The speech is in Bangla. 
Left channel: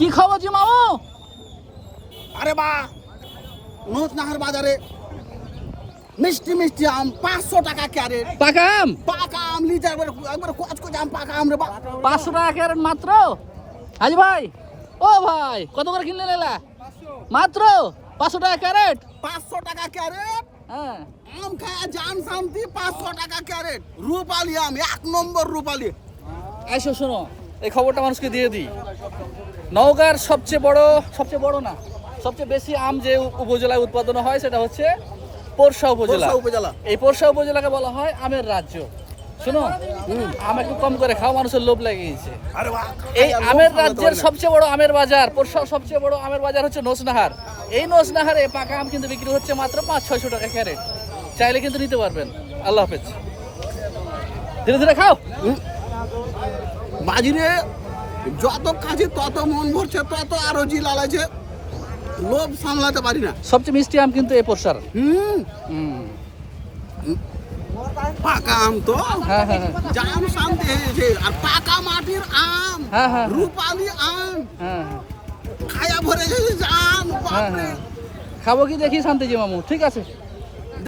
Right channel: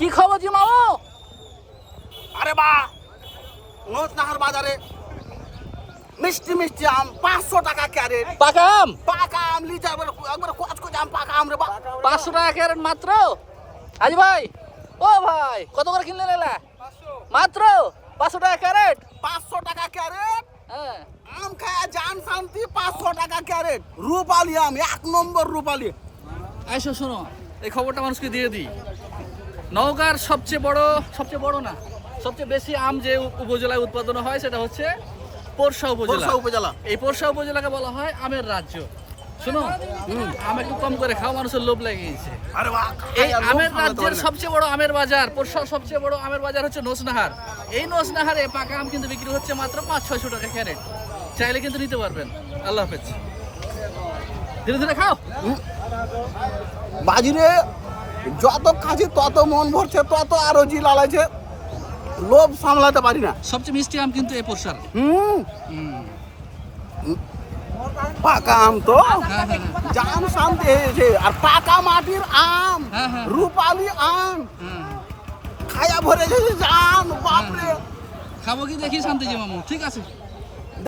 কি খবর জি মামু? আরে বা নোচনাহার বাজারে মিষ্টি মিষ্টি আম 500 টাকা ক্যারেট। পাকা আম পাকা আম লিটার একবার কচকচ আম পাকা আম রে বা 500 টাকা ক্যারেট মাত্র। হাজি ভাই, ও ভাই কত করে কিনলেন এলা? মাত্র 500 টাকা ক্যারেট। 500 টাকা ক্যারেট হ্যাঁ, আম খায়া জান শান্তি। 500 টাকা ক্যারেট রূপালি আম, 1 নম্বর রূপালি। আইসো শোনো, এই খবরটা মানুষকে দিয়ে দিই। নওগাঁর সবচেয়ে বড় না, সবচেয়ে বেশি আম যে উপজেলায় উৎপাদন হয় সেটা হচ্ছে পোরশা উপজেলা। পোরশা উপজেলা। এই পোরশা উপজেলাকে বলা হয় আমের রাজ্য। শোনো, আম একটু কম করে খাও, মানুষের লোভ লেগে গেছে। আরে বা এই আমের রাজ্যের সবচেয়ে বড় আমের বাজার, পোরশার সবচেয়ে বড় আমের বাজার হচ্ছে নোসনাহার। এই নোসনাহারে পাকা আম কিন্তু বিক্রি হচ্ছে মাত্র 500-600 টাকা ক্যারেট। চাইলে কিন্তু নিতে পারবেন। আল্লাহ হাফেজ, ধীরে ধীরে খাও। বাজিরে যত কাজে তত মন ভরছে, তত আরো জি লালাইছে, লোভ সামলাতে পারি না। সবচেয়ে মিষ্টি আম কিন্তু এই পোরশার। পাকা আম তো হ্যাঁ হ্যাঁ জাম শান্তি হয়েছে। আর পাকা মাটির আম, হ্যাঁ, হ্যাঁ। রূপালি আম হ্যাঁ, খায়া ভরে গেছে জাম, বাপরে। খাবো কি দেখি শান্তি জি মামু, ঠিক আছে।